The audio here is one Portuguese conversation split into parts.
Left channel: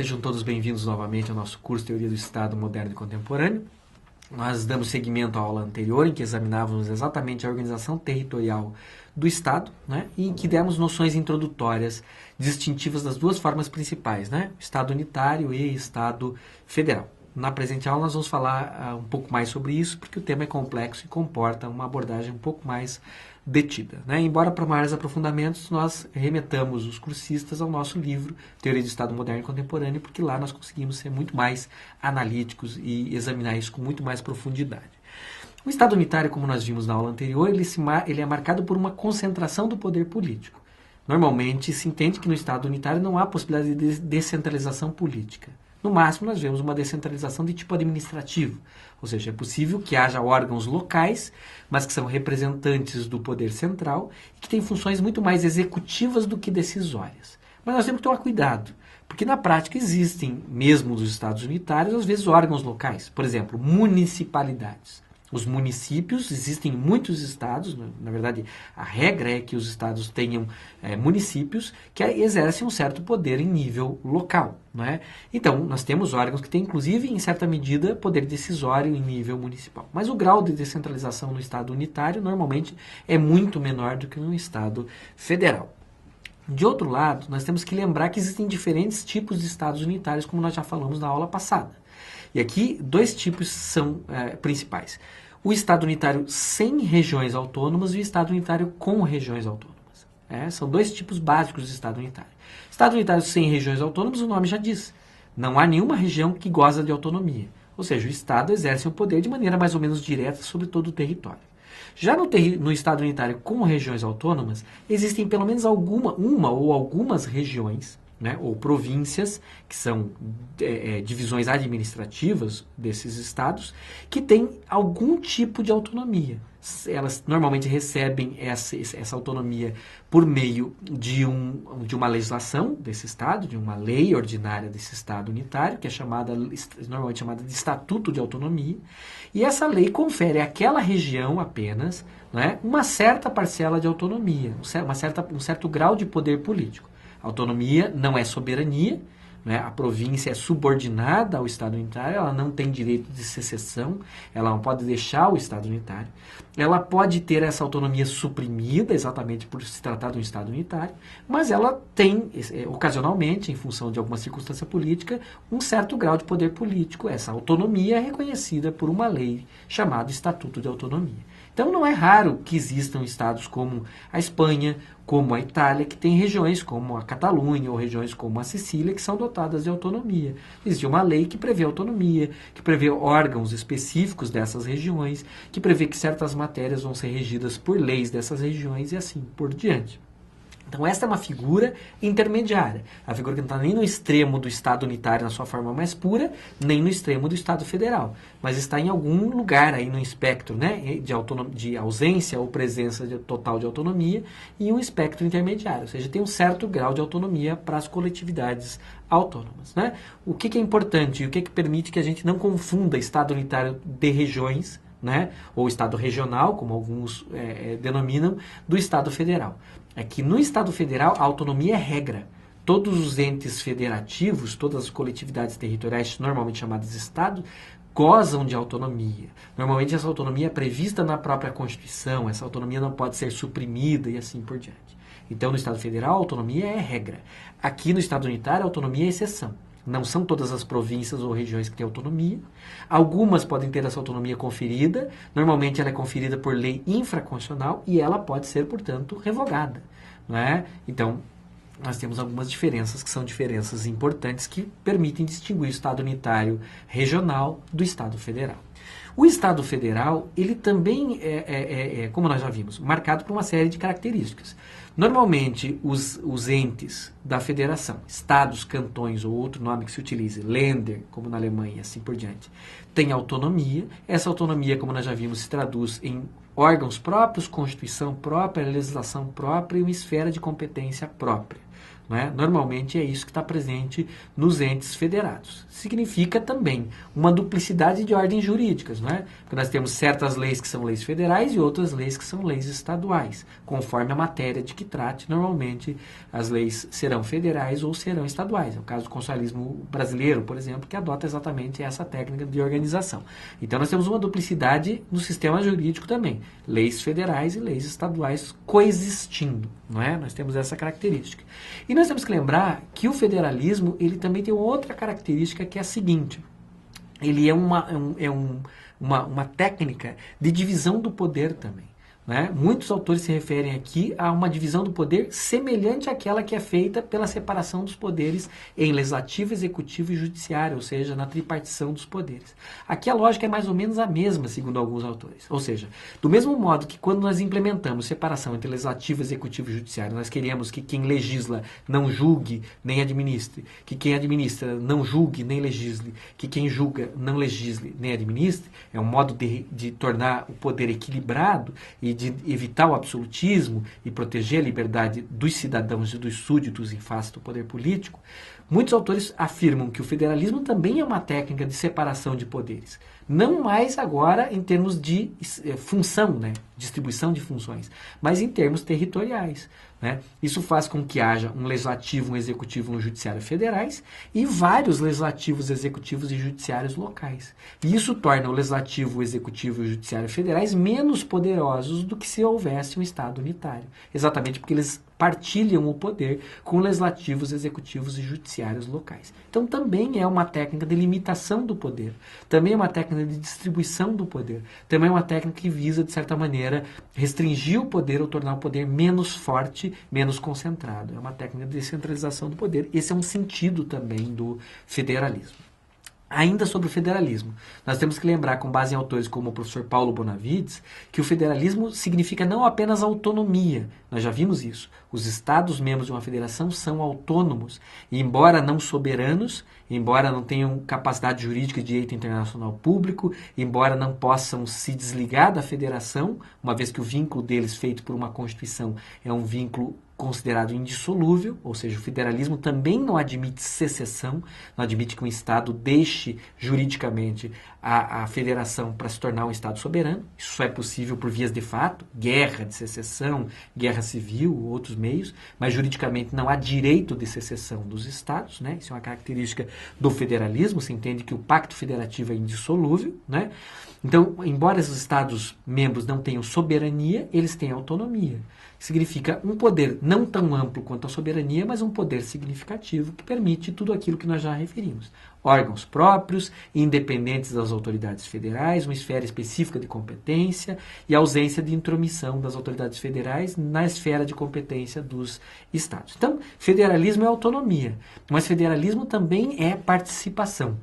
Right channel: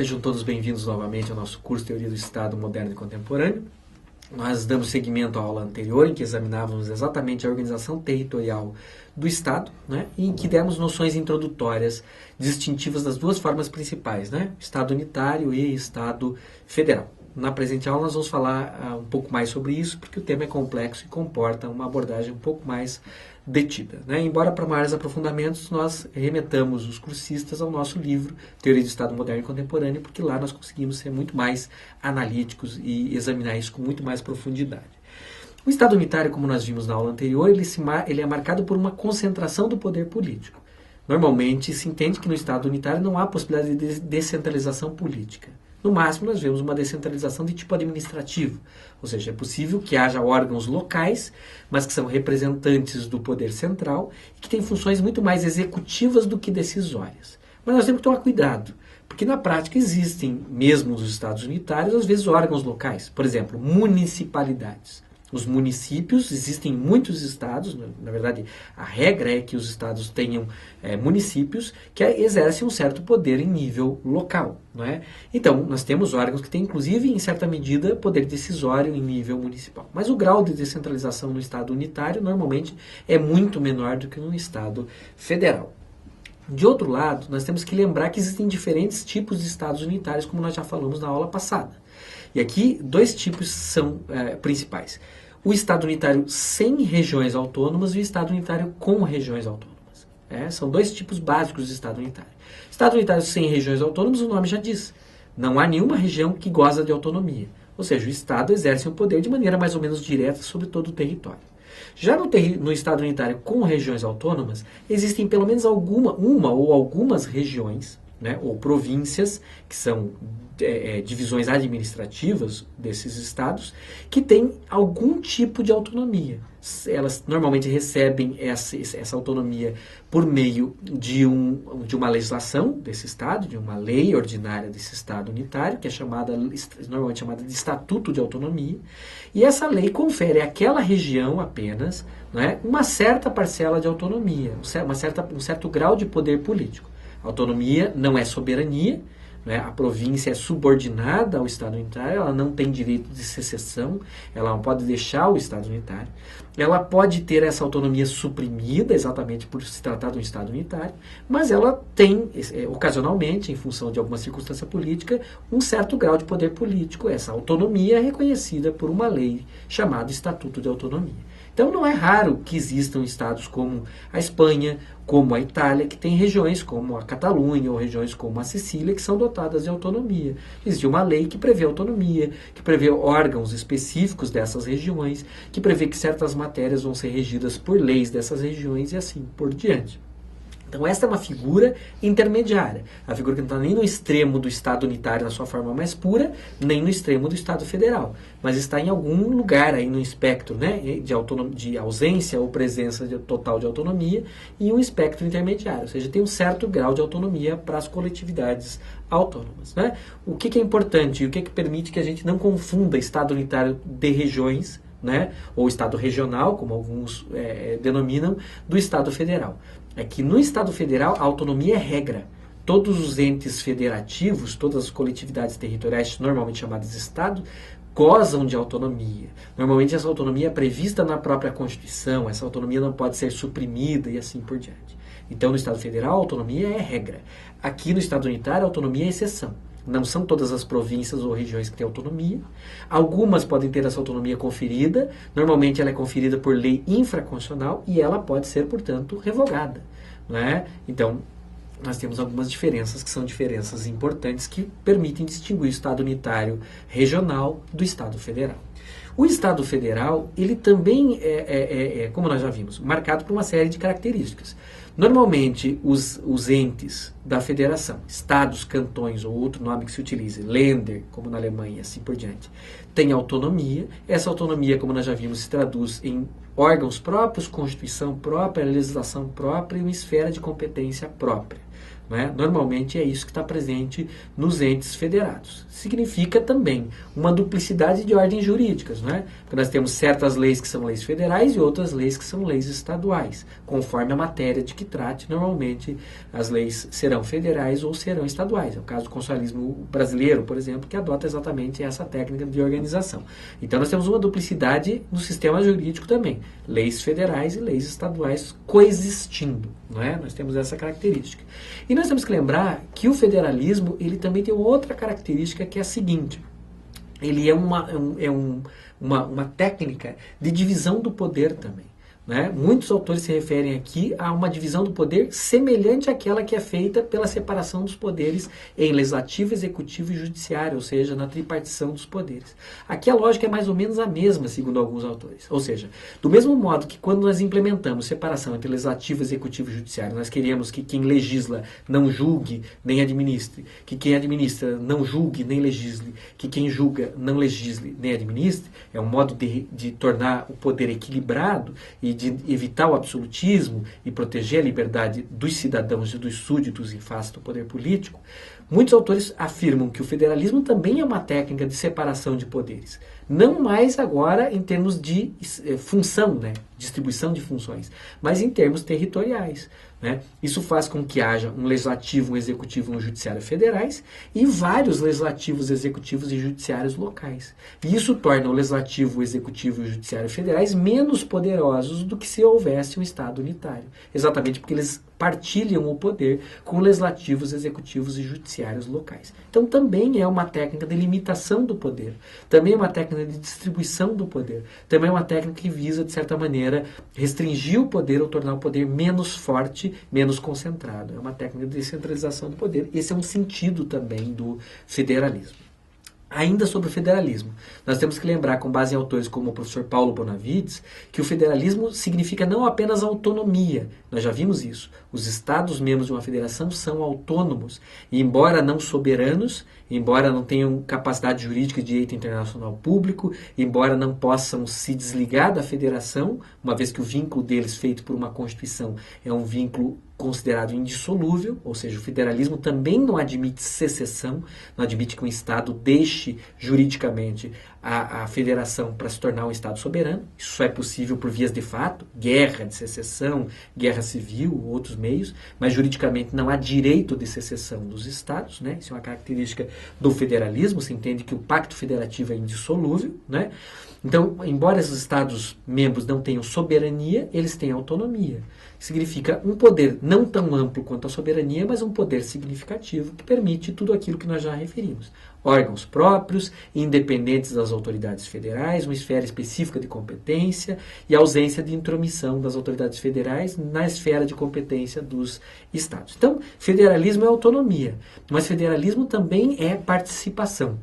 Sejam todos bem-vindos novamente ao nosso curso Teoria do Estado Moderno e Contemporâneo. Nós damos seguimento à aula anterior, em que examinávamos exatamente a organização territorial do Estado, né, e em que demos noções introdutórias distintivas das duas formas principais, né, Estado unitário e Estado federal. Na presente aula nós vamos falar um pouco mais sobre isso, porque o tema é complexo e comporta uma abordagem um pouco mais detida, né? Embora para maiores aprofundamentos nós remetamos os cursistas ao nosso livro Teoria do Estado Moderno e Contemporâneo, porque lá nós conseguimos ser muito mais analíticos e examinar isso com muito mais profundidade. O Estado unitário, como nós vimos na aula anterior, ele é marcado por uma concentração do poder político. Normalmente se entende que no Estado unitário não há possibilidade de descentralização política. No máximo, nós vemos uma descentralização de tipo administrativo, ou seja, é possível que haja órgãos locais, mas que são representantes do poder central e que têm funções muito mais executivas do que decisórias. Mas nós temos que tomar cuidado, porque na prática existem, mesmo nos estados unitários, às vezes órgãos locais. Por exemplo, municipalidades. Os municípios, existem em muitos estados, na verdade, a regra é que os estados tenham municípios que exercem um certo poder em nível local, não é? Então, nós temos órgãos que têm, inclusive, em certa medida, poder decisório em nível municipal. Mas o grau de descentralização no estado unitário, normalmente, é muito menor do que no estado federal. De outro lado, nós temos que lembrar que existem diferentes tipos de estados unitários, como nós já falamos na aula passada. E aqui, dois tipos são principais. O Estado unitário sem regiões autônomas e o Estado unitário com regiões autônomas. São dois tipos básicos de Estado unitário. Estado unitário sem regiões autônomas, o nome já diz. Não há nenhuma região que goza de autonomia. Ou seja, o Estado exerce o poder de maneira mais ou menos direta sobre todo o território. Já no Estado unitário com regiões autônomas, existem pelo menos uma ou algumas regiões, né, ou províncias, que são divisões administrativas desses estados, que têm algum tipo de autonomia. Elas normalmente recebem essa autonomia por meio de uma legislação desse estado, de uma lei ordinária desse estado unitário, que é normalmente chamada de Estatuto de Autonomia, e essa lei confere àquela região apenas, né, uma certa parcela de autonomia, um certo grau de poder político. Autonomia não é soberania, né? A província é subordinada ao Estado unitário, ela não tem direito de secessão, ela não pode deixar o Estado unitário, ela pode ter essa autonomia suprimida, exatamente por se tratar de um Estado unitário, mas ela tem, ocasionalmente, em função de alguma circunstância política, um certo grau de poder político. Essa autonomia é reconhecida por uma lei chamada Estatuto de Autonomia. Então não é raro que existam estados como a Espanha, como a Itália, que têm regiões como a Catalunha ou regiões como a Sicília que são dotadas de autonomia. Existe uma lei que prevê autonomia, que prevê órgãos específicos dessas regiões, que prevê que certas matérias vão ser regidas por leis dessas regiões e assim por diante. Então, esta é uma figura intermediária. A figura que não está nem no extremo do Estado unitário na sua forma mais pura, nem no extremo do Estado federal. Mas está em algum lugar aí no espectro, né, de ausência ou presença total de autonomia e um espectro intermediário. Ou seja, tem um certo grau de autonomia para as coletividades autônomas, né? O que é importante e o que permite que a gente não confunda Estado unitário de regiões, né, ou Estado regional, como alguns denominam, do Estado federal. É que no Estado federal a autonomia é regra. Todos os entes federativos, todas as coletividades territoriais, normalmente chamadas de Estado, gozam de autonomia. Normalmente essa autonomia é prevista na própria Constituição, essa autonomia não pode ser suprimida e assim por diante. Então no Estado federal a autonomia é regra. Aqui no Estado unitário a autonomia é exceção. Não são todas as províncias ou regiões que têm autonomia. Algumas podem ter essa autonomia conferida. Normalmente ela é conferida por lei infraconstitucional e ela pode ser, portanto, revogada, não é? Então, nós temos algumas diferenças que são diferenças importantes que permitem distinguir o Estado unitário regional do Estado federal. O Estado federal, ele também como nós já vimos, marcado por uma série de características. Normalmente, os entes da federação, estados, cantões ou outro nome que se utilize, Länder, como na Alemanha e assim por diante, têm autonomia. Essa autonomia, como nós já vimos, se traduz em órgãos próprios, constituição própria, legislação própria e uma esfera de competência própria. Não é? Normalmente é isso que está presente nos entes federados. Significa também uma duplicidade de ordens jurídicas, não é? Porque nós temos certas leis que são leis federais e outras leis que são leis estaduais, conforme a matéria de que trate. Normalmente as leis serão federais ou serão estaduais. É o caso do constitucionalismo brasileiro, por exemplo, que adota exatamente essa técnica de organização. Então nós temos uma duplicidade no sistema jurídico também, leis federais e leis estaduais coexistindo, não é? Nós temos essa característica. E nós temos que lembrar que o federalismo, ele também tem outra característica que é a seguinte: ele é uma técnica de divisão do poder também. Né? Muitos autores se referem aqui a uma divisão do poder semelhante àquela que é feita pela separação dos poderes em legislativo, executivo e judiciário, ou seja, na tripartição dos poderes. Aqui a lógica é mais ou menos a mesma, segundo alguns autores. Ou seja, do mesmo modo que quando nós implementamos separação entre legislativo, executivo e judiciário, nós queremos que quem legisla não julgue nem administre, que quem administra não julgue nem legisle, que quem julga não legisle nem administre, é um modo de tornar o poder equilibrado e de evitar o absolutismo e proteger a liberdade dos cidadãos e dos súditos em face do poder político. Muitos autores afirmam que o federalismo também é uma técnica de separação de poderes. Não mais agora em termos de função, né? Distribuição de funções, mas em termos territoriais. Né? Isso faz com que haja um legislativo, um executivo e um judiciário federais e vários legislativos, executivos e judiciários locais. E isso torna o legislativo, o executivo e o judiciário federais menos poderosos do que se houvesse um Estado unitário. Exatamente porque eles partilham o poder com legislativos, executivos e judiciários locais. Então também é uma técnica de limitação do poder, também é uma técnica de distribuição do poder, também é uma técnica que visa, de certa maneira, restringir o poder ou tornar o poder menos forte, menos concentrado. É uma técnica de descentralização do poder. Esse é um sentido também do federalismo. Ainda sobre o federalismo, nós temos que lembrar, com base em autores como o professor Paulo Bonavides, que o federalismo significa não apenas autonomia. Nós já vimos isso. Os Estados membros de uma federação são autônomos e, embora não soberanos, embora não tenham capacidade jurídica de direito internacional público, embora não possam se desligar da federação, uma vez que o vínculo deles feito por uma Constituição é um vínculo considerado indissolúvel, ou seja, o federalismo também não admite secessão, não admite que um Estado deixe juridicamente a federação para se tornar um Estado soberano. Isso só é possível por vias de fato, guerra de secessão, guerra civil, outros meios, mas juridicamente não há direito de secessão dos Estados, né? Isso é uma característica do federalismo, se entende que o pacto federativo é indissolúvel, né? Então, embora esses Estados membros não tenham soberania, eles têm autonomia. Significa um poder não tão amplo quanto a soberania, mas um poder significativo que permite tudo aquilo que nós já referimos. Órgãos próprios, independentes das autoridades federais, uma esfera específica de competência e ausência de intromissão das autoridades federais na esfera de competência dos Estados. Então, federalismo é autonomia, mas federalismo também é participação.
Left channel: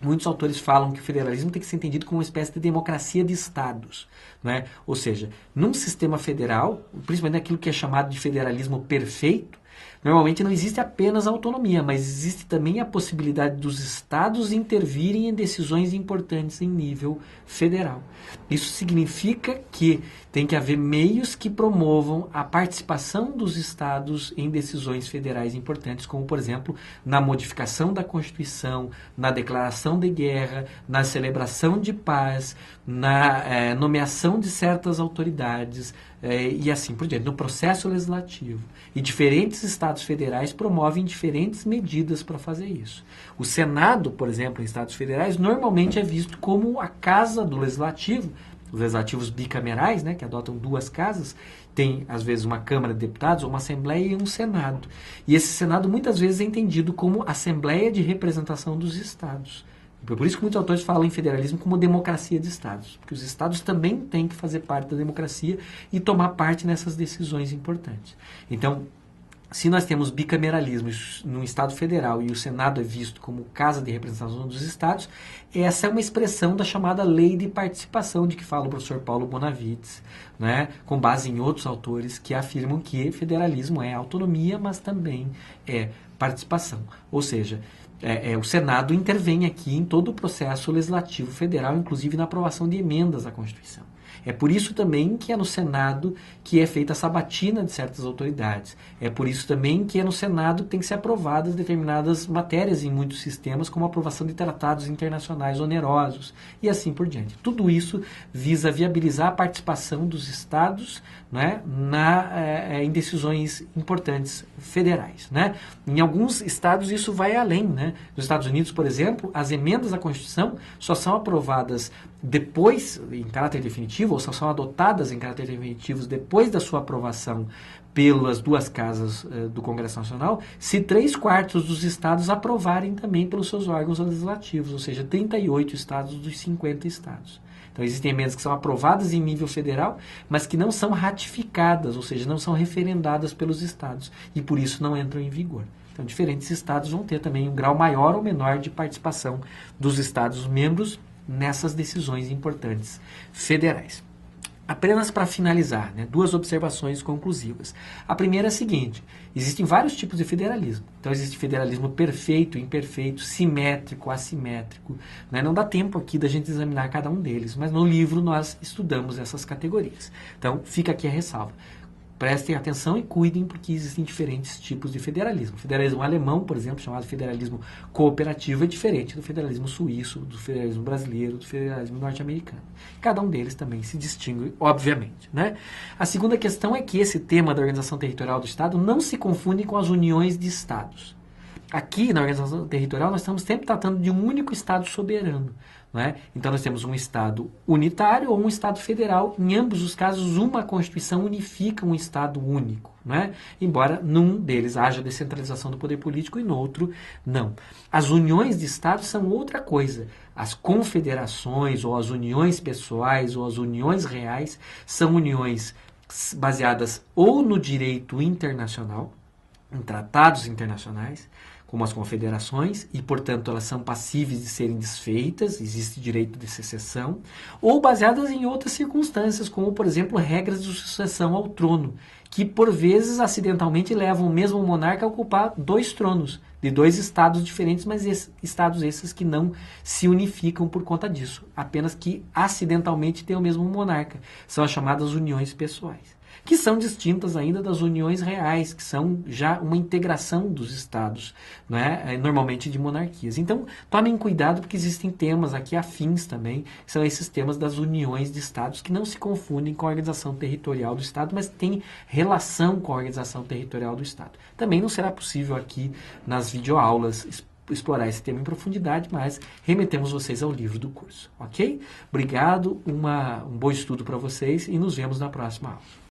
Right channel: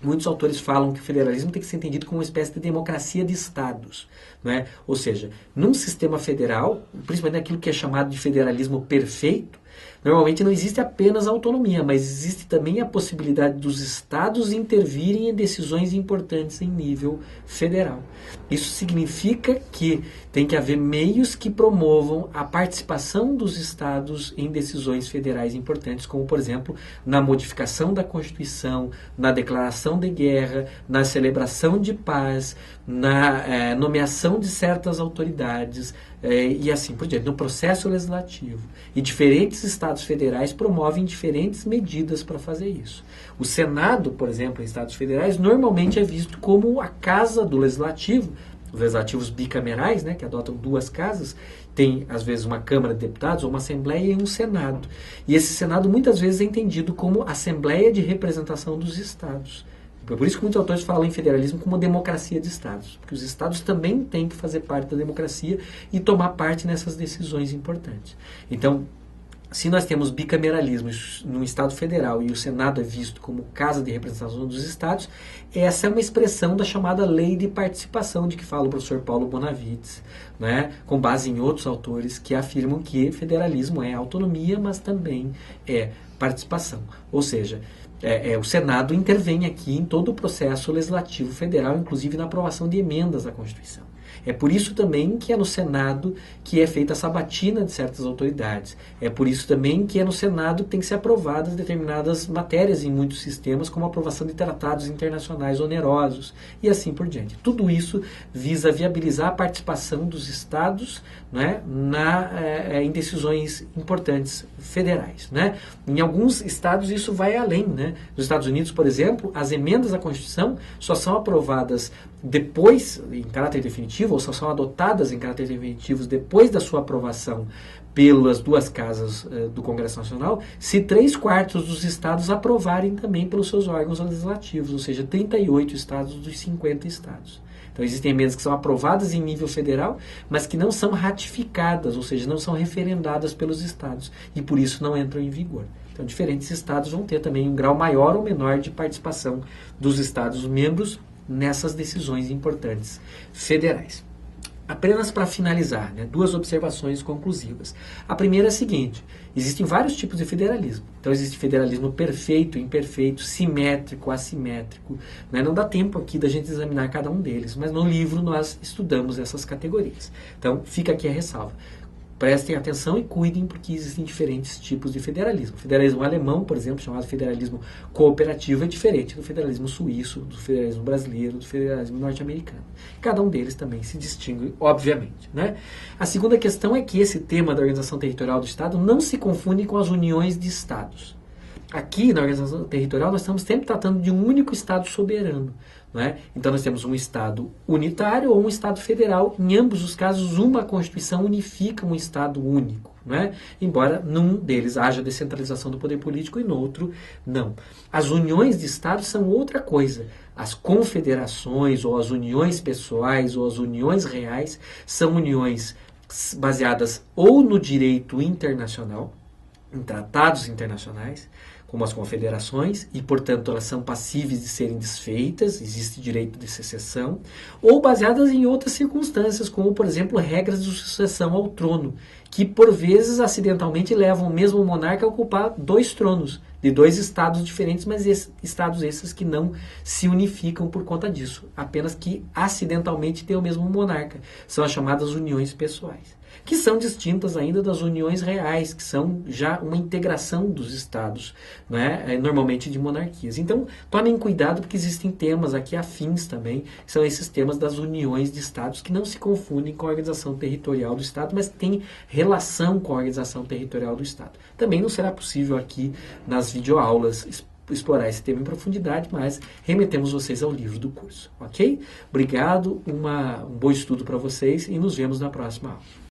Muitos autores falam que o federalismo tem que ser entendido como uma espécie de democracia de Estados. Né? Ou seja, num sistema federal, principalmente naquilo que é chamado de federalismo perfeito, normalmente não existe apenas a autonomia, mas existe também a possibilidade dos Estados intervirem em decisões importantes em nível federal. Isso significa que tem que haver meios que promovam a participação dos Estados em decisões federais importantes, como, por exemplo, na modificação da Constituição, na declaração de guerra, na celebração de paz, na nomeação de certas autoridades, e assim por diante, no processo legislativo. E diferentes estados federais promovem diferentes medidas para fazer isso. O Senado, por exemplo, em estados federais, normalmente é visto como a casa do legislativo. Os legislativos bicamerais, né, que adotam duas casas, tem às vezes uma Câmara de Deputados, ou uma Assembleia e um Senado. E esse Senado muitas vezes é entendido como Assembleia de Representação dos Estados. Por isso que muitos autores falam em federalismo como democracia de Estados, porque os Estados também têm que fazer parte da democracia e tomar parte nessas decisões importantes. Então, se nós temos bicameralismo no Estado federal e o Senado é visto como casa de representação dos Estados, essa é uma expressão da chamada lei de participação de que fala o professor Paulo Bonavides, né, com base em outros autores que afirmam que federalismo é autonomia, mas também é participação. Ou seja, o Senado intervém aqui em todo o processo legislativo federal, inclusive na aprovação de emendas à Constituição. É por isso também que é no Senado que é feita a sabatina de certas autoridades. É por isso também que é no Senado que tem que ser aprovadas determinadas matérias em muitos sistemas, como a aprovação de tratados internacionais onerosos e assim por diante. Tudo isso visa viabilizar a participação dos estados, né, em decisões importantes federais. Né? Em alguns estados isso vai além. Né? Nos Estados Unidos, por exemplo, as emendas à Constituição só são aprovadas depois, em caráter definitivo, ou só são adotadas em caráter definitivo depois da sua aprovação pelas duas casas do Congresso Nacional, se 3/4 dos estados aprovarem também pelos seus órgãos legislativos, ou seja, 38 estados dos 50 estados. Então, existem emendas que são aprovadas em nível federal, mas que não são ratificadas, ou seja, não são referendadas pelos estados, e por isso não entram em vigor. Então, diferentes estados vão ter também um grau maior ou menor de participação dos estados membros nessas decisões importantes federais. Apenas para finalizar, né, 2 observações conclusivas. A primeira é a seguinte: existem vários tipos de federalismo. Então, existe federalismo perfeito, imperfeito, simétrico, assimétrico. Né? Não dá tempo aqui da gente examinar cada um deles, mas no livro nós estudamos essas categorias. Então, fica aqui a ressalva. Prestem atenção e cuidem, porque existem diferentes tipos de federalismo. O federalismo alemão, por exemplo, chamado federalismo cooperativo, é diferente do federalismo suíço, do federalismo brasileiro, do federalismo norte-americano. Cada um deles também se distingue, obviamente. Né? A segunda questão é que esse tema da organização territorial do Estado não se confunde com as uniões de Estados. Aqui, na organização territorial, nós estamos sempre tratando de um único Estado soberano. Né? Então, nós temos um Estado unitário ou um Estado federal. Em ambos os casos, uma Constituição unifica um Estado único. Né? Embora num deles haja descentralização do poder político e no outro não. As uniões de Estados são outra coisa. As confederações, ou as uniões pessoais, ou as uniões reais, são uniões baseadas ou no direito internacional, em tratados internacionais, como as confederações, e, portanto, elas são passíveis de serem desfeitas, existe direito de secessão, ou baseadas em outras circunstâncias, como, por exemplo, regras de sucessão ao trono, que, por vezes, acidentalmente levam o mesmo monarca a ocupar 2 tronos, de 2 estados diferentes, mas estados esses que não se unificam por conta disso, apenas que acidentalmente têm o mesmo monarca. São as chamadas uniões pessoais, que são distintas ainda das uniões reais, que são já uma integração dos estados, né? Normalmente de monarquias. Então, tomem cuidado, porque existem temas aqui afins também, que são esses temas das uniões de estados, que não se confundem com a organização territorial do Estado, mas têm relação com a organização territorial do Estado. Também não será possível aqui nas videoaulas explorar esse tema em profundidade, mas remetemos vocês ao livro do curso, ok? Obrigado, um bom estudo para vocês e nos vemos na próxima aula.